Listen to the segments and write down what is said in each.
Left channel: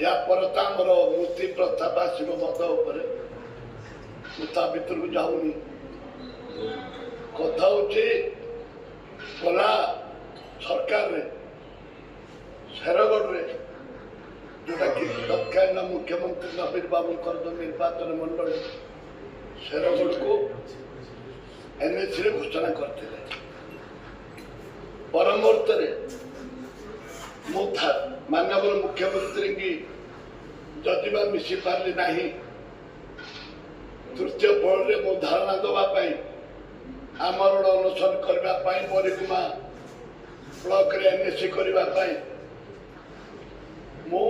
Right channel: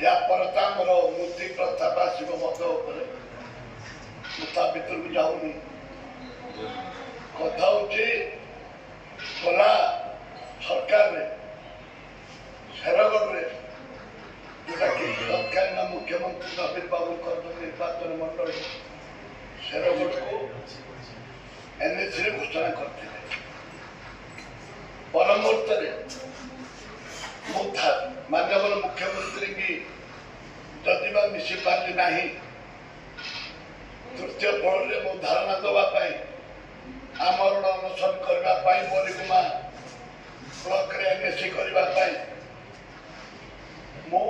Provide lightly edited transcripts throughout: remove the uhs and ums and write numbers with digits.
या पर आमर मूर्ति प्रथा बा शिव मत उपर भीतर को जाऊनी कथा होला सरकार शेरगढ़ जोटा कि तत्कालीन मुख्यमंत्री नवीन बाबू जो निर्वाचन मंडल शेरगढ़ को एनएसी घोषणा करते पर मुहूर्त माननीय मुख्यमंत्री की जदि मिसी पारि ना तृतीय फ्लोर में मो धारणा देवाई आमरण अनशन करने मरीगुमा ब्लॉक रे एनएसी करने मो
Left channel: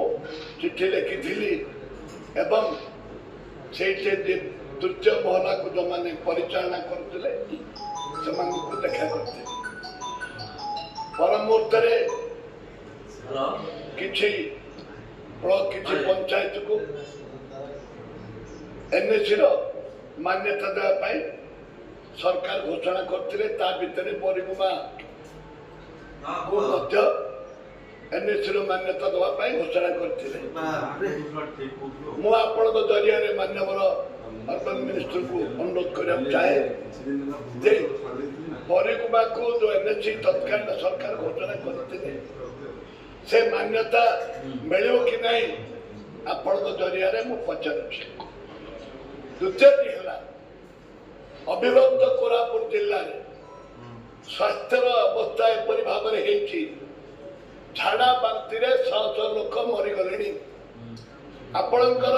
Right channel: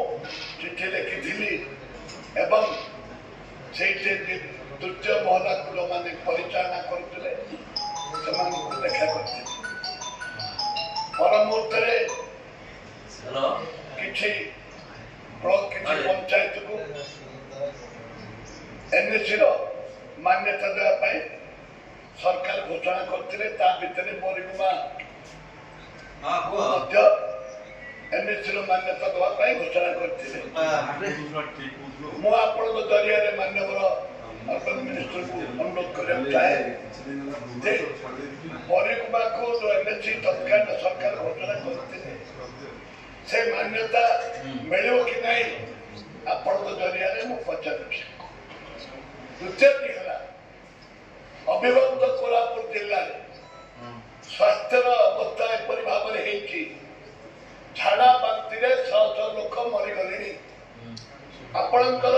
चिठी लिखी एवं से तृतीय महला को जो मैंने परिचालना करते देखा करते पर मुहूर्त किसी ब्लॉक किसी पंचायत को एनएसी मान्यता देवाई सरकार घोषणा करते भितर मरीगुमा को एनएसी मान्यता देवाई घोषणा करते मुझे जरिया माननीय अर्बन मिनिस्टर को अनुरोध करने चाहे मरीगुमा को जो एनएसी तत्कालीन सरकार घोषणा करते से मान्यता मिलो कि नहीं आपण जरिया पचार द्वितीय अविभक्त कोरापुट जिले स्वास्थ्य अवस्था एपरी भाव झाड़ा बांति शह शह लोक मरीगले आपणकर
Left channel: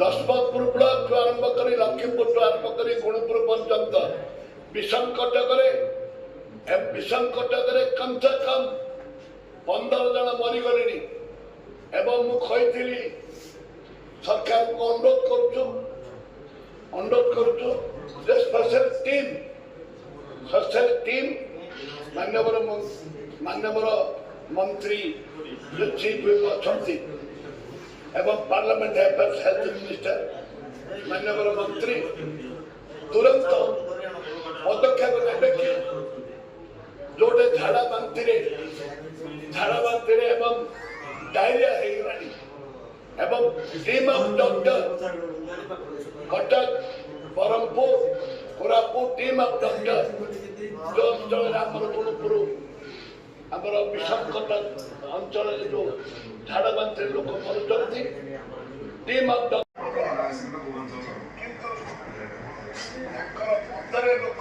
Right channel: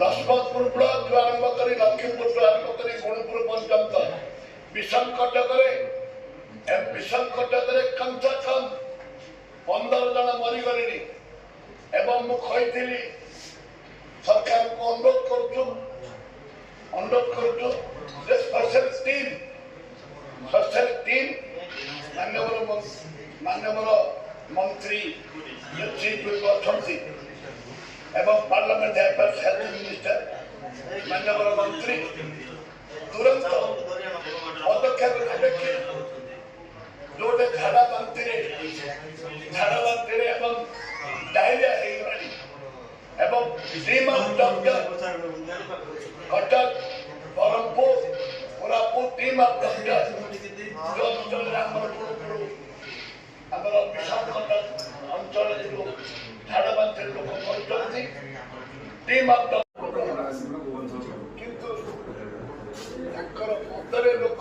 दशमतपुर ब्लॉक आरंभ कर लक्ष्मीपुर आरंभ कर गुणपुर पर्यंत विषम कटक कम से कम 15 जन मरीगले एवं मुझे सरकार को अनुरोध करुचु स्पेशल टीम माननीय मंत्री जो चीफ अच्छा एवं पार्लियामेंट अफेयर्स हेल्थ मिनिस्टर माननीय मंत्री तुरंत पदक्षेप ने कि जोटे झाड़ा बांति एवं डायरिया एवं team of doctor Cuttack Berhampur Koraput team of doctor जो अंचल गुणपुर आमर विषम कटक अंचल जो झाड़ा बांति लोक मरुंट टीम ऑफ डॉक्टर लोक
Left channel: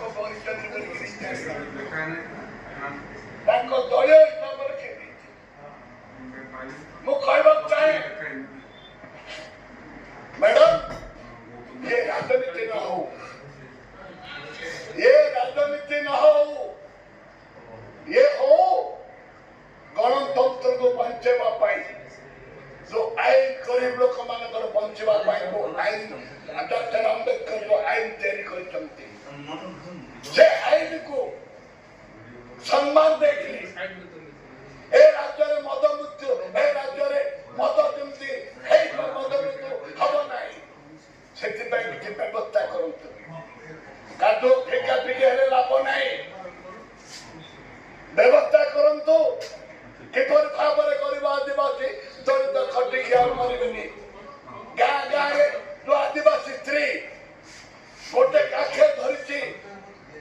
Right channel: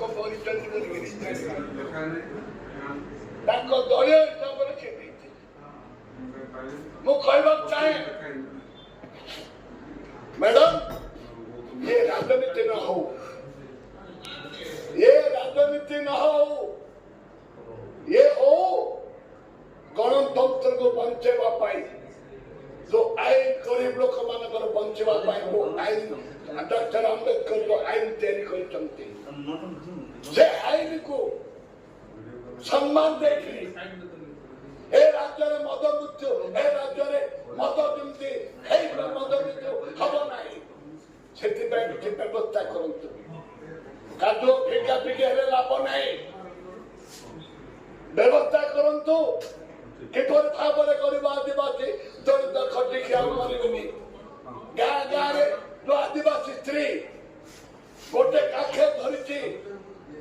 दलीय हिसाब से मुझे चाहे मैडम ये राजनीति न हो ये हो गणतंत्र को बंचेवा जो आईन गरीब लोक मान बंचेवा वो आईन डॉक्टर अंबेडकर जो आईन से आईन को सम्मान देखली ए राज्य में मद मृत्यु ए राज्य में मद जमी मद मृत्यु हम ना से व्यवस्था करतु कादो फेका फेकी हेले लाभ ना व्यवस्था करतु किपर भाव में आदिवासी दलित खटिया मरबे गाँ गाँ जो आदिवासी स्त्री गोटे काखे धरी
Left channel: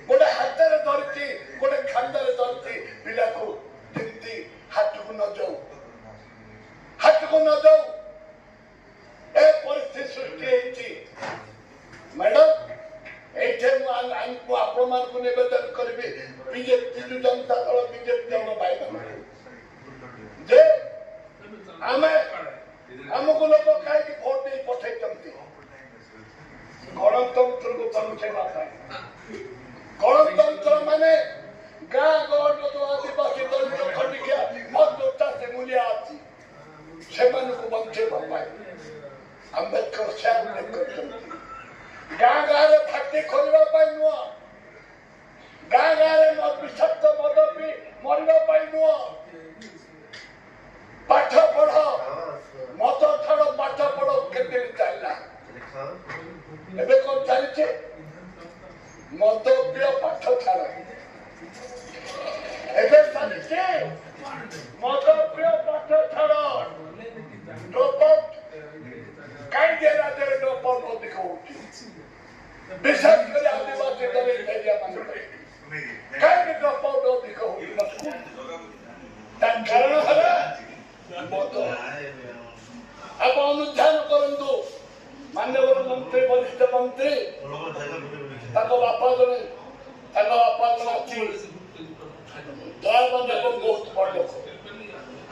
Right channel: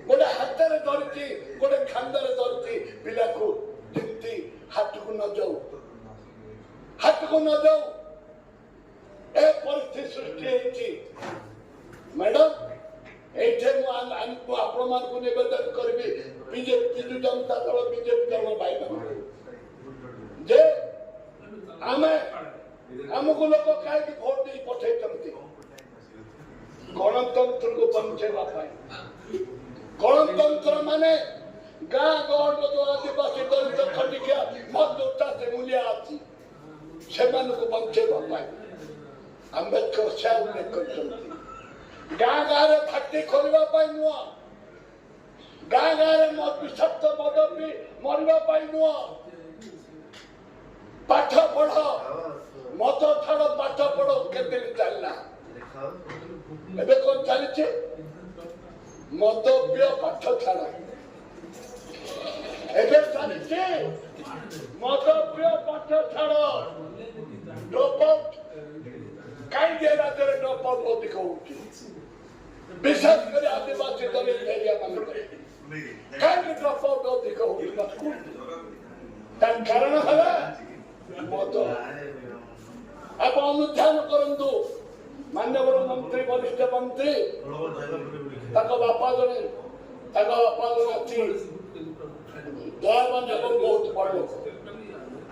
गोटे हाथ में धरी गोटे खांदे धरी पिला को जमी हाथ को न जाऊ ए परिस्थिति सृष्टि मैडम ये आपण मान को निवेदन करी बीजेपी जनता दल बीजेपी दल भाई जे आमको लोक कहीं भोट दे पठे गणतंत्र को बंचेवा गणतंत्र माने गाँ गहट जो आदिवासी दलित खटिया मजदूरता से मूल्य अच्छी से बंचेवा अंबेडकर से उल्लेख कर गाँ गाँव में फाटी खोलने नुह गाँ गाँव में विषाक्त मद पी मरवा नुह पाठ पढ़ मत छाड़ पाठ पढ़ के चलना एबे कौन चली मद पिय पाठ छाड़ एबे चली मद पिय पाठ ଛାଡ଼ ଡ୍ରପ୍ କାହିଁକି ରାଜ୍ୟରେ ଡ୍ରପ୍ ଅଧିକ ହଉଛି ବିଶେଷ କରି ଆଦିବାସୀ ଦଳିତ ଏରିଆ ମାନଙ୍କରେ କାହିଁକି ଡ୍ରପ୍ ଅଧିକ ହଉଛି ତା କାରଣ ହେଲା ମଦ। ଆପଣ ଅନୁଧ୍ୟାନ କରନ୍ତୁ ମାନ୍ୟବର ମନ୍ତ୍ରୀ ବରିଷ୍ଠ ମନ୍ତ୍ରୀ ତାଙ୍କ ବାପା ଜଣେ ଅଛି ଦୟାବାନ ଏବଂ ବହୁତ ବଡ଼ ଲୋକ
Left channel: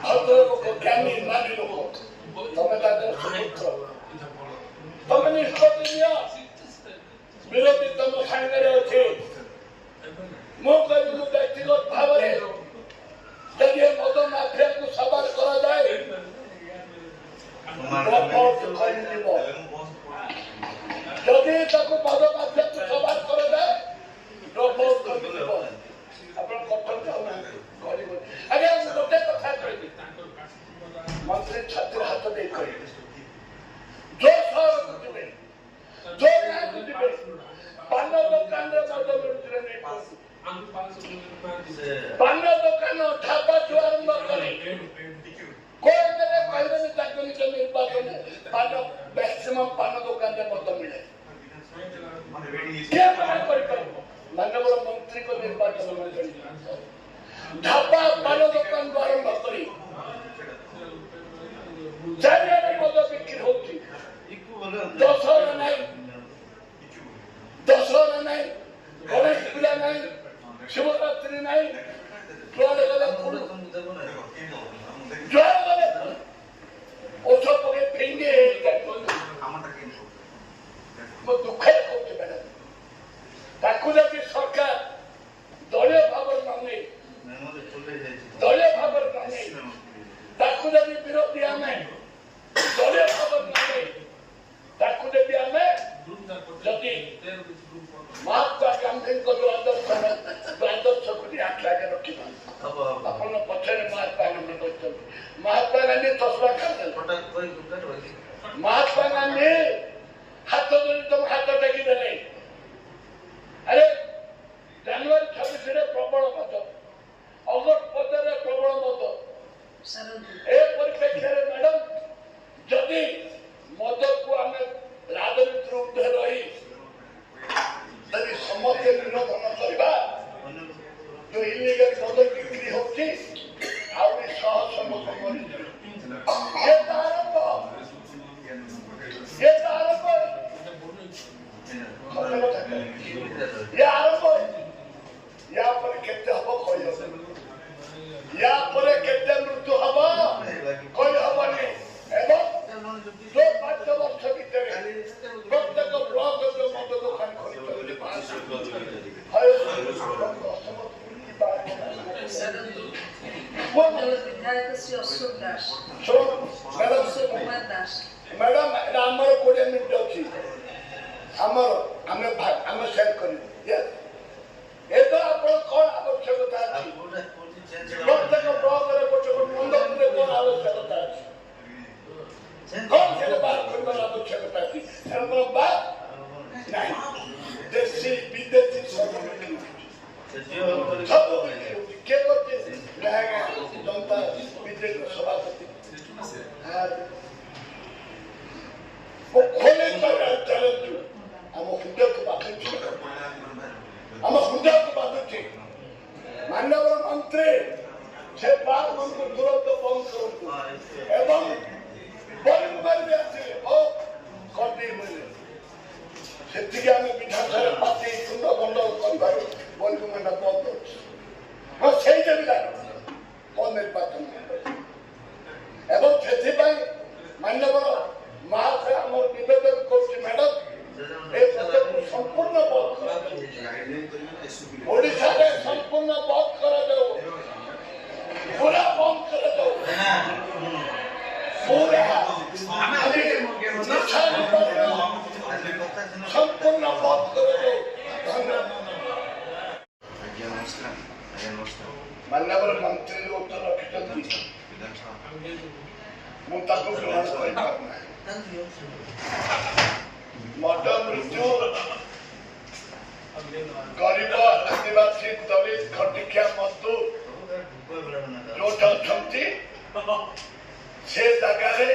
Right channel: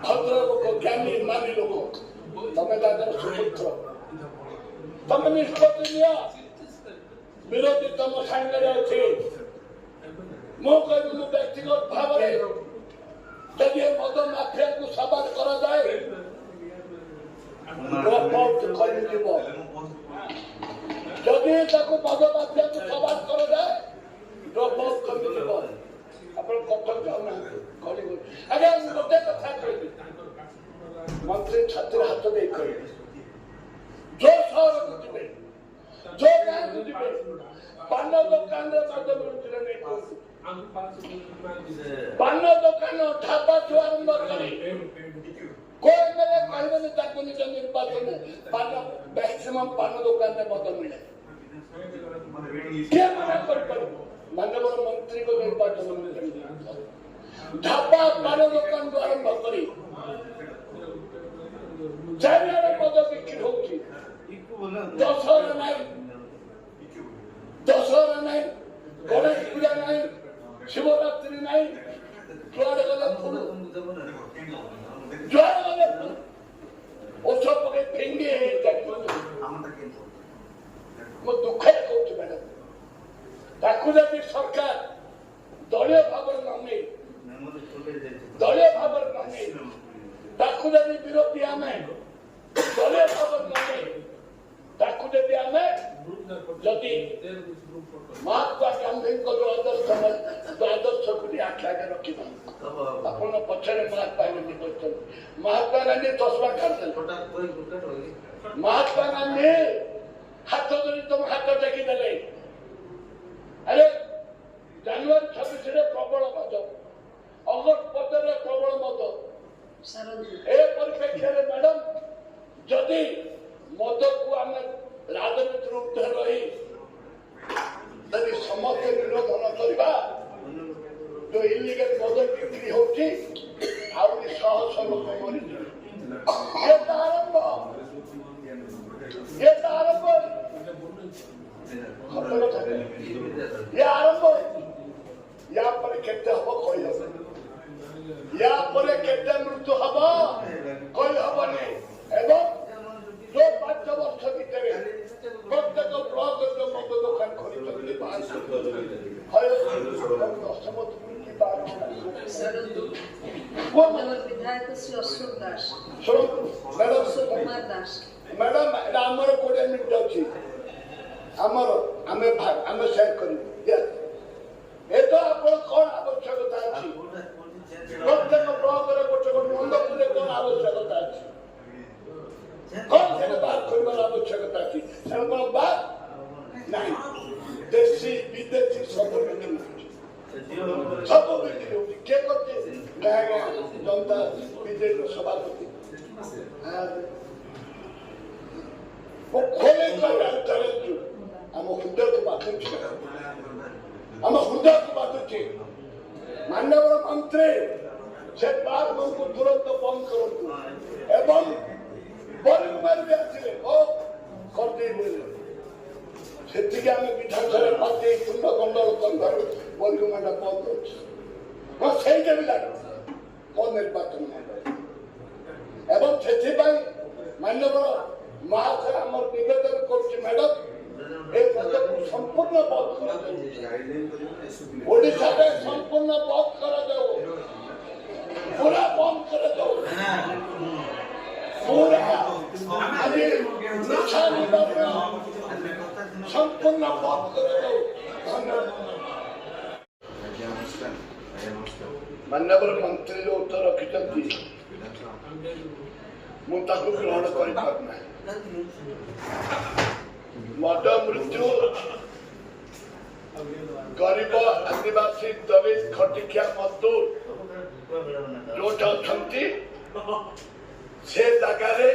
ଭଦ୍ର ଲୋକ ଜ୍ଞାନୀ ମାନି ଲୋକ ତମେ ତାଙ୍କର ସୁପୁତ୍ର ତମେ ନିଷ୍ପତ୍ତି ନିଅ ବିରୋଧୀ ତମ ସାଙ୍ଗରେ ଅଛି ମୁଁ କହିବି ମୁଁ ବ୍ୟକ୍ତିଗତ ଭାବରେ ଯଦି ମଦ ମାଫିଆକୁ ସବାଦ କରାଯାଏ କରିଯିବ ଯଦି ତାକୁ ମଦ ମାଫିଆକୁ ସବାଦ କରାଯାଏ ଡ୍ରପ୍ ଆଉଟ୍ କମିଯିବ। ଆପଣ କଟକ ଯାଉନାହାନ୍ତି ଗରିବ ଆଜ୍ଞା ମୁଁ ଗୋଟେ କଥା କହିବି ମନ୍ତ୍ରୀ ଛାତିରେ ହାତ ଦେଇ କହିବି ଯୋଉ ସହରକୁ ଯିବେ ଯୋଉ ଗାଁକୁ ଯିବେ ପାନ ଦୋକାନରେ ମଦ ମିଳୁଥିଲେ ନେଇ କୁହନ୍ତୁ ପାନ ଦୋକାନ ଢାବାଠୁ ଆରମ୍ଭ କରି କୋଉ ଏମଏଲଏ କହିବେନି ତାକୁ ନିଜ ନିର୍ବାଚନରେ ପାନ ମ୍ୟାକ୍ସିମମ୍ ପାନ ଦୋକାନରେ ମଦ ମିଳେ କିଏ ମନା କରିପାରିବ ମାନ୍ୟବର ମନ୍ତ୍ରୀଙ୍କ ନିର୍ବାଚନ ମଣ୍ଡଳୀ ଢାବା ପାନ ଦୋକାନରୁ ଆରମ୍ଭ କରି ଚାରିଆଡେ ମଦ ବିକ୍ରି ହଉଛି ଦଶହରା ନାହିଁ ଗଣେଶ ପୂଜା ନାହିଁ ଶିବରାତ୍ରି ନାହିଁ ଯୁଆଡେ ଗଲେ ଫୁଡୁ ଯୁଆଡେ ଗଲେ ଔଷଧ ପକେଇ ଫିଙ୍ଗି ମୁଁ ଦୁଃଖରେ କହୁଛି ମ୍ୟାଡାମ ତାକୁ ଯଦି ସରକାର ଦଳୀୟ ଭାବରେ ନ ନେଇ ତାକୁ ଯଦି ବିରୋଧୀ ଆମେ ଦଳୀୟ ଭାବରେ ନ ନେଇ ତାକୁ ଯଦି ଆମେ ଯଦି ମହାତ୍ମା ଗାନ୍ଧୀଙ୍କ ଯୋଉ ଆଦର୍ଶକୁ ଆଖି ଆଗରେ ରଖିବା ଆପଣ ପଛରେ ମହାତ୍ମା ଗାନ୍ଧୀ କହିଛନ୍ତି ମହାତ୍ମା ଗାନ୍ଧୀ ଚଷମା କାଢିଦେଲେ ମହାତ୍ମା ଗାନ୍ଧୀ ହାତ ଧରି ତମ ହାତ ଟେକିଦେଲେ ଆରେ ଜାନୁଆରୀ 26ରେ ପ୍ରବଳ ମଦ ଅଗଷ୍ଟ 15ରେ ପ୍ରବଳ ମଦ ଏ ପରିପ୍ରେକ୍ଷୀରେ ମ୍ୟାଡାମ ଯଦି ମଦକୁ ଆମେ ରାଜନୀତିରୁ ଉର୍ଦ୍ଧ୍ୱ ରହି ଯଦି ସମସ୍ତେ ବିରୋଧ ନ କରିବା ଯୋଉ ଇଲିଗାଲ ମଦ ବିକ୍ରି ହଉଛି ଆହୁରି ଶହ ଲୋକ ମରିଯିବେ ଇଏ ତ ଆରମ୍ଭ या पर केते हबो कोई हबो या पर केते मृत्यु हबो कोई हबनी एवं जो 5 वर्ष भीतर प्रत्येक ब्लॉक जो मद दुकान खोली विधायक श्री अशोक दास मैडम आमर 20 मिनिट अच्छी आमर आम शेयर कर कौन आवश्यकता अच्छी प्रत्येक ब्लॉक गोटे मंडपे कौन आवश्यकता अच्छी कौन से बात कर आवश्यकता अच्छी बात नहीं देशी विदेशी सब बिक्री किए करते जनता बीजेपी सभापति खोले चैलेंज आम हृदय को बाधुची मान्यवर मंत्री से बात मन को तुरंत बंद करूँ एवं से आम विधानसभा पार्टी तुंड गंडल कर बंद से मो निर्वाचन मंडल एवं से मान्यवर महाशय आम निवेदन कर मैडम संपूर्ण बंद ओडिशा संपूर्ण बंद कर पूरा बंद कर पूरा संपूर्ण बंद कर धन्यवाद मान्यवर मंत्री जो उत्तर रखिंट मुझे ग्रहण कर मद मृत्यु गरीब आदिवासी दलित खटिकिया मजदूर जो अच्छा से ଜାଗାରେ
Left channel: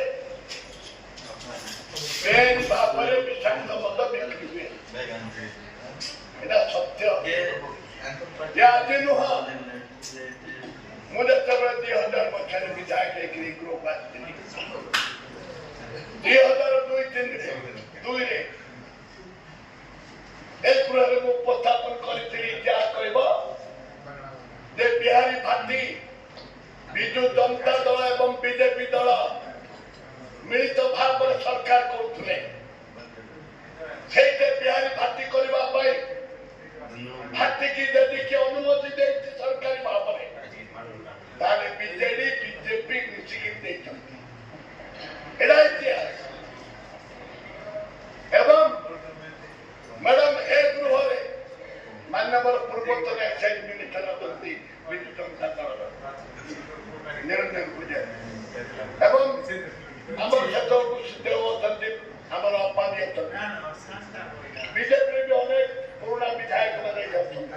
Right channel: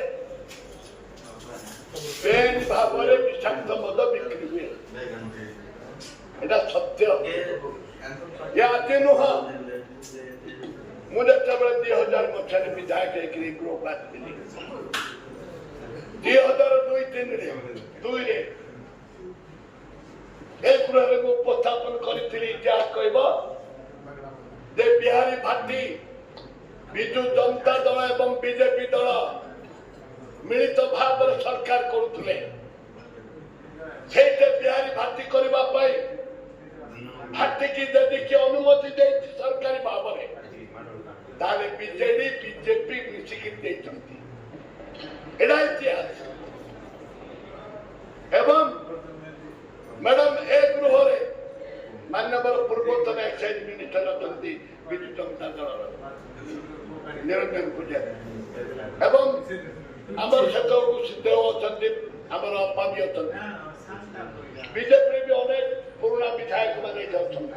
ବେଆଇନ ଭାବରେ ବିଷାକ୍ତ ମଦ ବିକ୍ରି ହୁଏ। ଏଇଟା ସତ୍ୟ। ଏ ଆଜି ନୁହଁ। ମୁଁ ଯେତେବେଳେ 2000 ମସିହାରେ ବିଧାୟକ ହେଇକିରି ଗୃହକୁ ଆସିଥିଲି 2002-3ରେ ଏ ଗୃହରେ ମୁଁ ଉପସ୍ଥାପନ କରିଥିଲି ଇତିହାସ କହିବ ଯେ ବିହାରୀ ଭାଟି ବିଜୁ ଜନତା ଦଳ ଏବଂ ବିଜେପି ଦଳ ମିଳିତ ଭାବରେ ସରକାର କରୁଥିଲେ। ସେଇଠି ବିହାରୀ ଭାଟି କରିବା ପାଇଁ ଭାଟିକି ଯଦି କିଏ ଅନୁମତି ଦେଇଛି ସରକାରୀ ଭାବରେ ତାହେଲେ ବିଜେଡି ବିଜେପି ମିଶିକି ଦେଇଛନ୍ତି। ଏଇଟା ଇତିହାସ। ଏବଂ ମ୍ୟାଡାମ ଏ ଗୃହରେ ମାନ୍ୟବର ପୂର୍ବତନ ଏକ୍ସାଇଜ ମିନିଷ୍ଟର ଅଛନ୍ତି ବିଜୁ ଜନତା ଦଳର ନିରଞ୍ଜନ ପୂଜାରୀ ଏବଂ ଆମର ସେତେବେଳକୁ ସିଦ୍ଧେବ ଅଛନ୍ତି, ଆମର ଅପାବି ଅଛନ୍ତି, ବିଜେପିରେ ବି ଅନେକ ପୁରୁଣା ବିଧାୟକ ମାନେ ଅଛନ୍ତି।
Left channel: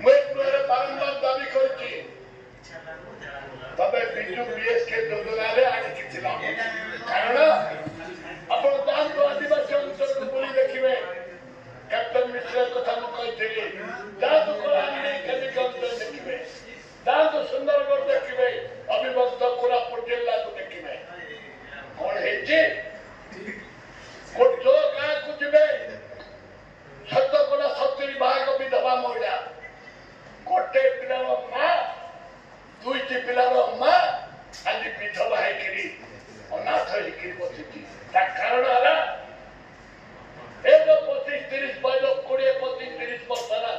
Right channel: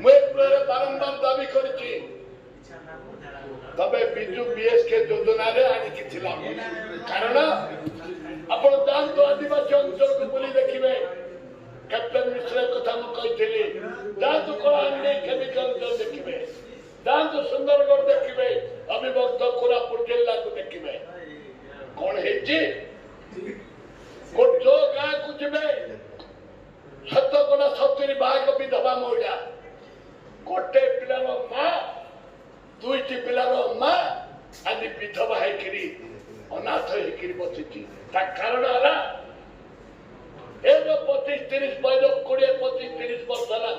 ମୁଁ ଏ ଗୃହରେ ବାରମ୍ବାର ଦାବି କରିଛି ତବେ ବିଜୁ ବିଏସକେ ଯୋଜନାରେ ଆଜି କିଛି ଲାଭ ନାହିଁ। କାରଣ ଆପଣ ଯାଆନ୍ତୁ ଆଦିବାସୀ ଅଞ୍ଚଳକୁ ବୁଲି ଦେଖିବେ। କ୍ୟାପ୍ଟେନ ମିଶ୍ର କଥା ମୁଁ କହିଥିଲି, ଯାଆନ୍ତୁ କଳାହାଣ୍ଡି କେମିକା ଅଞ୍ଚଳ ଦେଖିବେ, ଯାଆନ୍ତୁ ସୁନ୍ଦରଗଡ଼ ଦେଖିବେ, ଅବିଭକ୍ତ କୋରାପୁଟ ଜିଲ୍ଲାକୁ ଦେଖିବେ। କଣ ହେଇଛି? ଯୋଉ ଗାଁକୁ ଯିବେ 70% ବିଧବା ମହିଳା, ଗୋଟେ ପିଲାର ମା, ଦୁଇଟି ପିଲାର ମା ଆଜି ବିଧବା ହେଇକିରି ଅନାଥ ହେଇକିରି ବସିଛି। ତା କାରଣ ହେଲା ଏ ଯୋଉ 25-30 ବୟସ 20-25-30 ବର୍ଷ ହେଲା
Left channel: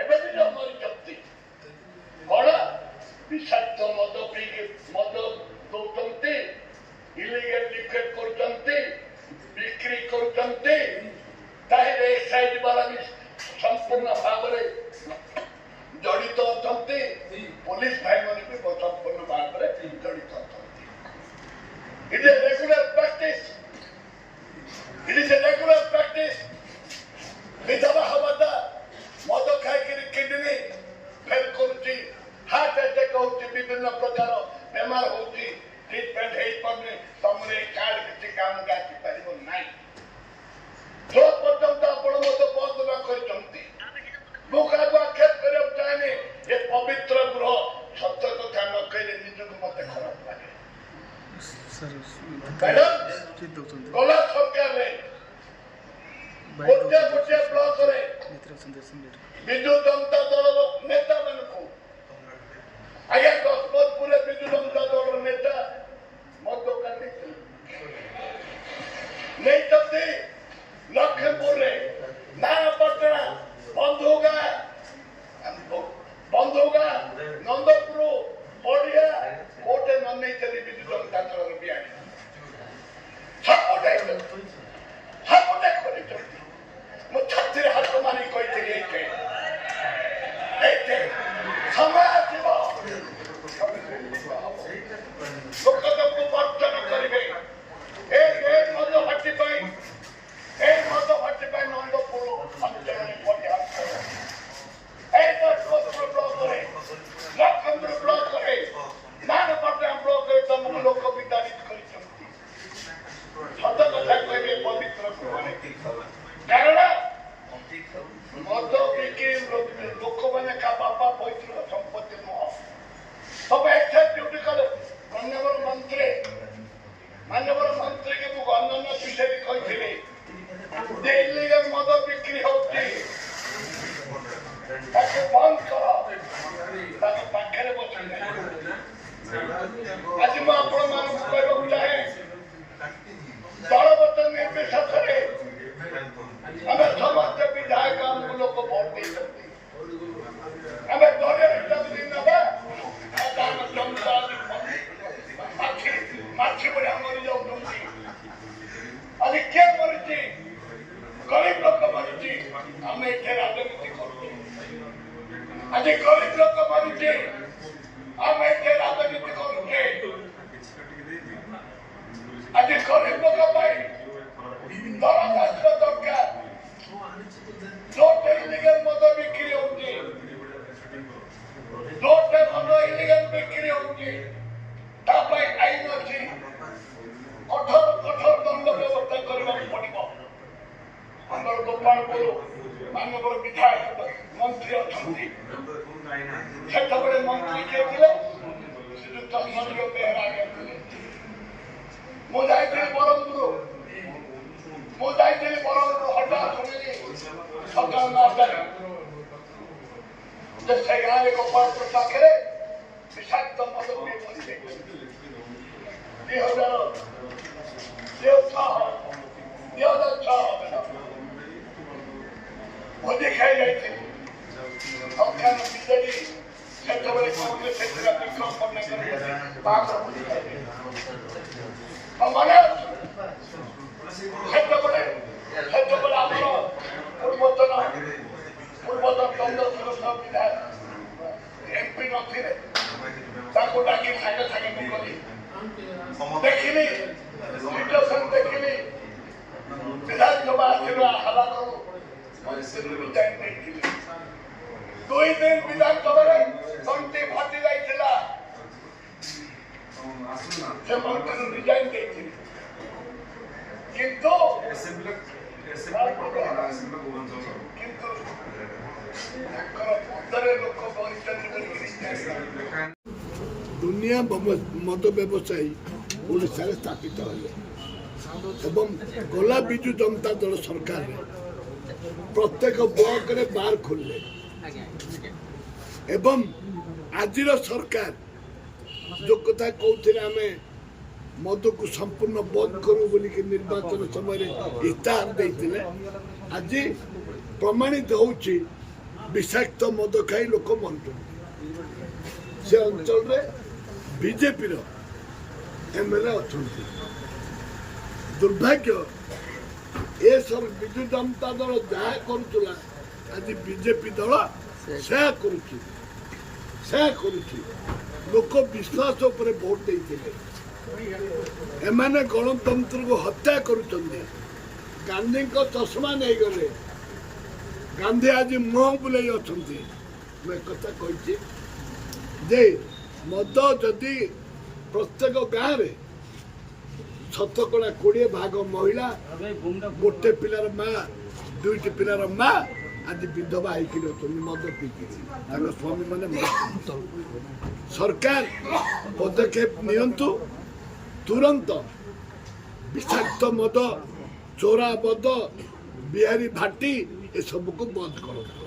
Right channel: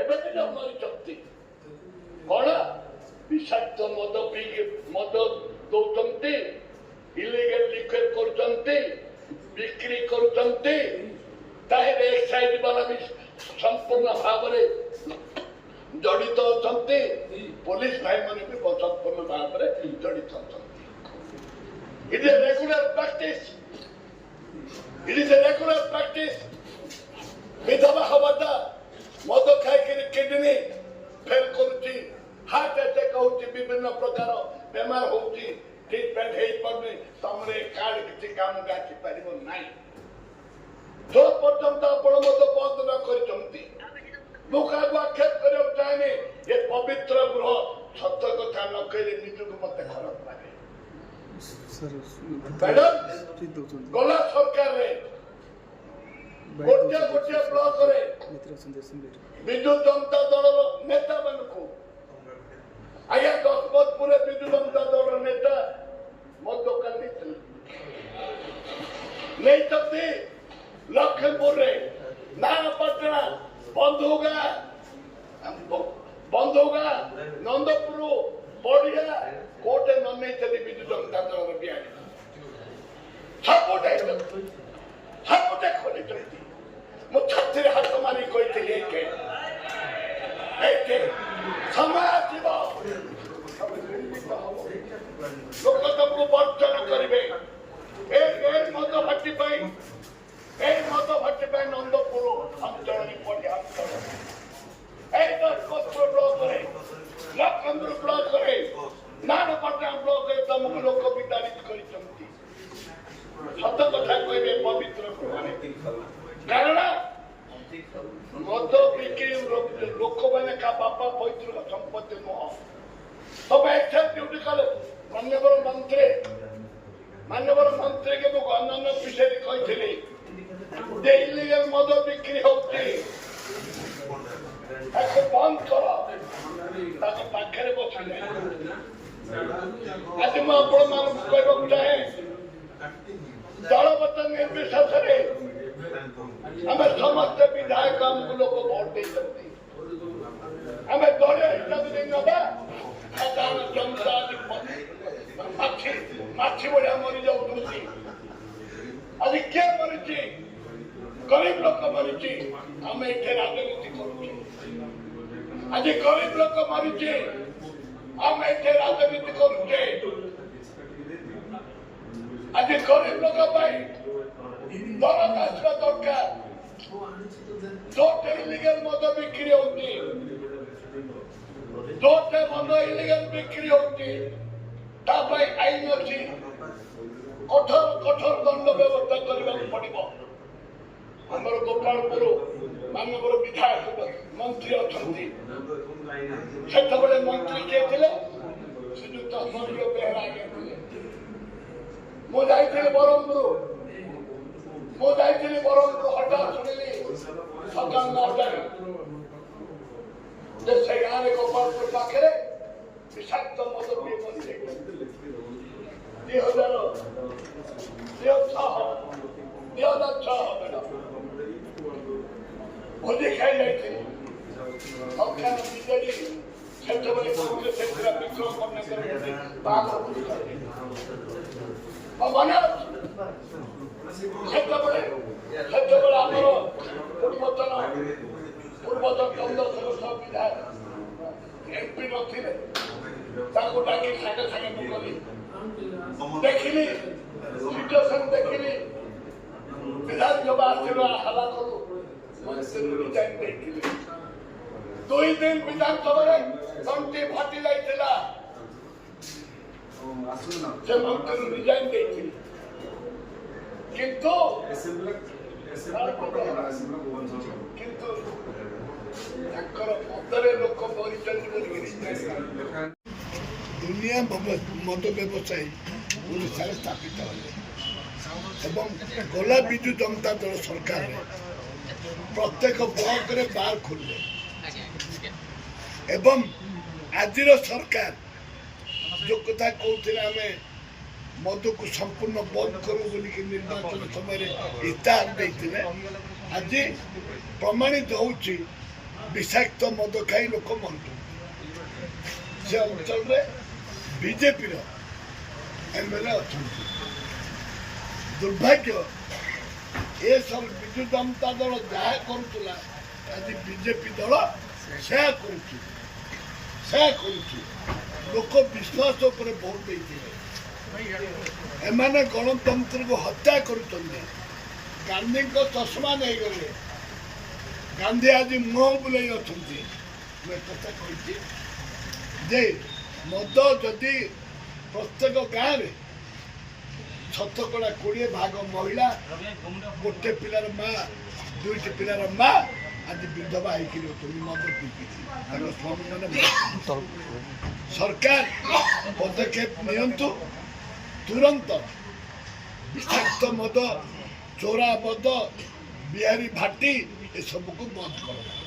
ଏବେ ବି ଯୋଉ ମରିଛନ୍ତି କଣ ବିଷାକ୍ତ ମଦ ପିଇକି ମଦ ଦଉଛନ୍ତି, ଇଲିଗାଲ ଲିକୁଇଡ କରୁଛନ୍ତି, ବିକ୍ରି କରୁଛନ୍ତି। ତାହେଲେ ଏକ୍ସାଇଜ ବାଲା ବି ସମ୍ପୂର୍ଣ୍ଣ ଭାବରେ ଜଡ଼ିତ ଅଛନ୍ତି, ପୋଲିସ ଭାଇମାନେ ବି ସମ୍ପୂର୍ଣ୍ଣ ଭାବରେ ଜଡ଼ିତ ଅଛନ୍ତି। It is a regular practice. It is a regular practice. ବିଧବା ହବାଟା ମଦ ଖାଇକିରି କିଡନୀ ଫେଲ କରୁଛି, ହାର୍ଟ ଆଟାକ୍ ହଉଛି, ବିଭିନ୍ନ ପ୍ରକାର ବେମାର ହଉଛି, ଟ୍ରିଟମେଣ୍ଟ ହେଇପାରୁନି। ତମର ଏ କାର୍ଡ କିଛି କାମକୁ ଆସିପାରିବ ନାହିଁ। ଯୋଉ ପର୍ଯ୍ୟନ୍ତ ଆପଣ ମଦ ବନ୍ଦ ନ କରିଛନ୍ତି, ମୁଁ କାହାକୁ ଆକ୍ଷେପ କରିବାକୁ ଚାହେଁନି। ଏ ପବିତ୍ର ଗୃହ ସତ୍ୟ କଥା ନ କହିଲେ ନିଜକୁ ମତେ ଖରାପ ଲାଗେ। ଗଲା ସରକାରରେ ଗୋଟିଏ ବ୍ଲକରେ ବିଜୁ ଜନତା ଦଳର ନେତା ମାନଙ୍କୁ, ଆଜ୍ଞା ଗଜପତପୁରରେ ବିଜୁ ଜନତା ଦଳର ନେତା ମୋ ଦୋକାନ ନେଇଛନ୍ତି, ଲକ୍ଷ୍ମୀପୁରରେ ନାରାୟଣପାଟଣା, ବନ୍ଧୁଗାଁ, ନନ୍ଦପୁର, ବଢିଆ କୋଉଟେ ନ ନେଇଛନ୍ତି ବିଜୁ ଜନତା ଦଳର ବିହାରୀ ସବୁଟେ ଖୋଲିଛନ୍ତି। ମୁଁ ଛାତିରେ ହାତ ମାରି କହିଥିଲି ଏଇଠି ସମୟ ଆସିବ ଲୋକ ତମକୁ ବର୍ଜନ କରିବେ। ଏ ମଦ ଭାଟି ପାଇଁ ନନ୍ଦପୁର ଅଞ୍ଚଳରେ ପର୍ଯ୍ୟାପ୍ତ, ଏ ଗଜପତପୁର ବ୍ଲକରେ, ଲକ୍ଷ୍ମୀପୁର ବ୍ଲକରେ, ନାରାୟଣପାଟଣା ବ୍ଲକରେ ତମକୁ ଲୋକ ବିତାଡ଼ିତ କରିଛନ୍ତି। ସତ କଥା କହିବେ ପବିତ୍ର ଗୃହରେ। କାରଣ ମଦ ବିକ୍ରି ଲୋକମାନେ କା ବାପା ପୈତୃକ ସମ୍ପତ୍ତି ନୁହଁ। ତବେ ଏକ୍ସାଇଜ ଡ୍ୟୁଟି କଲେ ମାନ୍ୟବର ମନ୍ତ୍ରୀକି ମୁଁ ଅନ୍ୟାନ୍ୟ ବିଷୟରେ କହିଥିଲି ଯେ ଇଲିଗାଲ ମଦ ବିକ୍ରି ହଉଛି, ତାକୁ ବନ୍ଦ କର। ତାଙ୍କ ପାଖରେ ବସି ନାହିଁ। ଆଜି ମୁଁ ଆପଣମାନଙ୍କୁ କହିବାକୁ ଚାହେଁ, ଦଳଗତ ନିର୍ବିଶେଷରେ ଆମେ ସମସ୍ତେ ବିଧାୟକ, ଆମକୁ ଲୋକ ଭୋଟ ଦେଇଛନ୍ତି। ଆମେ ଦଳୀୟ ହିସାବରେ ନେବା। ସାଧାରଣ ଜନତା ମାଛି ଭଳିଆ ମରି ଯାଉଛନ୍ତି। ଆଜି କିଏ ମରିଛି? ଗରିବ ଲୋକ ମରିଛି। ଆମେ ଏଠି ରାଜନୀତି କରୁଛୁ। ଆଜି ଗରିବ ଲୋକ ମରୁଛି, ଆମେ ଏଠି ରାଜନୀତି କରୁଛେ। ଆଜି ଗରିବ ଲୋକ ପାଇଁ ଦରଖାସ୍ତ ଦରକାର। ଯୋଉଠି ଇଲିଗାଲ ମଦ ବିକ୍ରି ହଉଛି ଯୋଉଟେ ମଦ ଇଲିଗାଲ ବିକ୍ରି ହଉଛି ତା ପାଇଁ ଆଇନ ଅଛି, କଠୋର ଦଣ୍ଡ ବ୍ୟବସ୍ଥା କରିବାକୁ ପଡିବ। ଆମର ଗୋପାଳପୁର ମାନ୍ୟବର ବିଧାୟକ ମନ୍ତ୍ରୀ ଅଛନ୍ତି, ସେତେବେଳେ ମନ୍ତ୍ରୀ କିଏ ଥିଲେ? ଶ୍ରୀଯୁକ୍ତ ସଞ୍ଜୟ ବେହେରା ଆଜ୍ଞା ଥିଲେ। ମୁଁ ଯାଇଥିଲି ବ୍ରହ୍ମପୁର ହଠାତ୍ ଶୁଣିଲି ସକାଳ 9ଟାରେ ଯେ ସେ ଗାଁରେ ଗୋପାଳପୁର ପାଖରେ ବିଷାକ୍ତ ମଦ ପିଇ ବସିଯାଇଛନ୍ତି। 2006 ଭୋଜି ଖାଇ ଯାଇଥିଲି। ଅଜ୍ଞାନ ବିଜେଡି ସେତେବେଳେ କଂଗ୍ରେସ ଥିଲା, ବିକ୍ରମ ପଟ୍ଟନାୟକର ବାହାଘର ଭୋଜି ଖାଇଲି। ମନେ ଅଛି ସେତେବେଳେ ଆମର ପୂର୍ବତନ 15 ବିଧାୟକ MP ନଥିଲେ, ତାକୁ ଡାକି ସାଙ୍ଗେ ମୁଁ କଲି, ଦେଖିଲି ସିଚୁଏସନ ଦେଖିଲି। ବିଧାନସଭା ଆସିବା ହାବା କରୁ ରିଜାଇନ୍ ଦେଇଥିଲି। 2 ଦିନ ବିଧାନସଭାରେ ତଣ୍ଟି ଫାଟି ଯାଇଥିଲା, ସେ ମନ୍ତ୍ରୀ ରିଜାଇନ୍ ଦେଇଥିଲି। କିନ୍ତୁ ତାଙ୍କର ପଦରେ ଲୋକ ଦୁନିଆ ମଦ ବ୍ୟବସାୟୀ ଓଡ଼ିଶାରେ ସ୍ଥାପିତ ହେଲେ ଏବଂ ଗଲା ବିଜୁ ଜନତା ଦଳ ସରକାରରେ ପ୍ରତ୍ୟେକ ବ୍ଲକରେ ବାର୍ ଖୋଲିଲେ ଏବଂ ଆଜିର ସରକାର ଯୋଉ କଥା କହୁଥିଲେ ଆମେ ମଦକୁ ସମ୍ପୂର୍ଣ୍ଣ ବନ୍ଦ କରୁ ବୋଲିକି ନିର୍ବାଚନ ସମୟରେ ଇସ୍ତାହାର ଦେଇଥିଲେ, ଆଜି ପ୍ରମାଣିତ ହେଉଛି ବିଷାକ୍ତ ମଦ ଖାଇ ଲୋକ ମରୁଛନ୍ତି। ସେ ଅଞ୍ଚଳରେ ବିଜେପିର MLA ଅଛନ୍ତି। ଦୁର୍ଭାଗ୍ୟ ଏସବୁ ବିଜୁ ଜନତା ଦଳ ଯାହା କରୁଥିଲା ଆଜି ବିଜେପି ଦଳ ସେୟା କରୁଛି। ଲୋକ ବିଶ୍ୱାସ ଉପରେ ଭୋଟ ଦେଇଥିଲେ। ଏମାନେ ଗଣତନ୍ତ୍ରକୁ ହତ୍ୟା କରୁଛନ୍ତି। ଗାନ୍ଧୀଙ୍କ ଚଷମା ନେଇଗଲେ, ଗାନ୍ଧୀ ଆଜି ମୁହଁ ବୁଲେଇ ଅଛନ୍ତି। ମୁଁ ଏକଥା କହିଛି ଯେ ମଦ ଯଦି ପ୍ରତ୍ୟେକ ଗାଁରେ 20% ମହିଳା, ଗୋଟେ ପିଲାର ମା, 2ଟି ପିଲାର ମା ଆଜି ବିଧବା ହେଇକି ଅଛନ୍ତି ମଦ ପିଇକି। ତାଙ୍କ ସ୍ୱାମୀ ମାନେ ସରକାର ପଦକ୍ଷେପ ନିଅନ୍ତୁ, ତୁରନ୍ତ ବିଷାକ୍ତ ମଦ, ଚୋରା ମଦ, ବିହାରୀ ଭାଟି ଏସବୁକୁ ବନ୍ଦ କରନ୍ତୁ।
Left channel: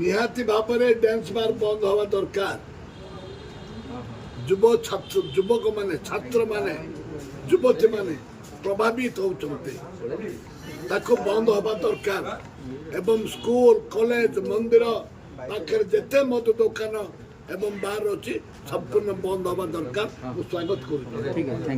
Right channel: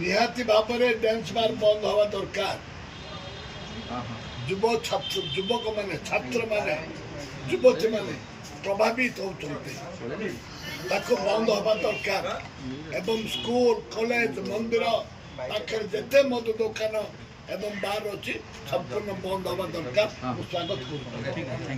ନିହାତି ଭାବରେ ଡ୍ୟାନ୍ସ ବାର୍ ବନ୍ଦ ହେବା ଦରକାର। ଯୁବକମାନେ, ଛାତ୍ରମାନେ, ଯୁବତୀମାନେ ପ୍ରଭାବିତ ହେଉଛନ୍ତି, ତାକୁ ବନ୍ଦ ହେବା ଦରକାର। ଏବଂ ସ୍କୁଲ, କଲେଜ, ମନ୍ଦିର ପାଖରେ ଯେତେ ମଦ ଦୋକାନ ଏବଂ ବାର୍ ଅଛି ସମ୍ପୂର୍ଣ୍ଣ ବନ୍ଦ ହେବା ଦରକାର। ମୁଁ ସ୍ୱାଗତ କରୁଛି।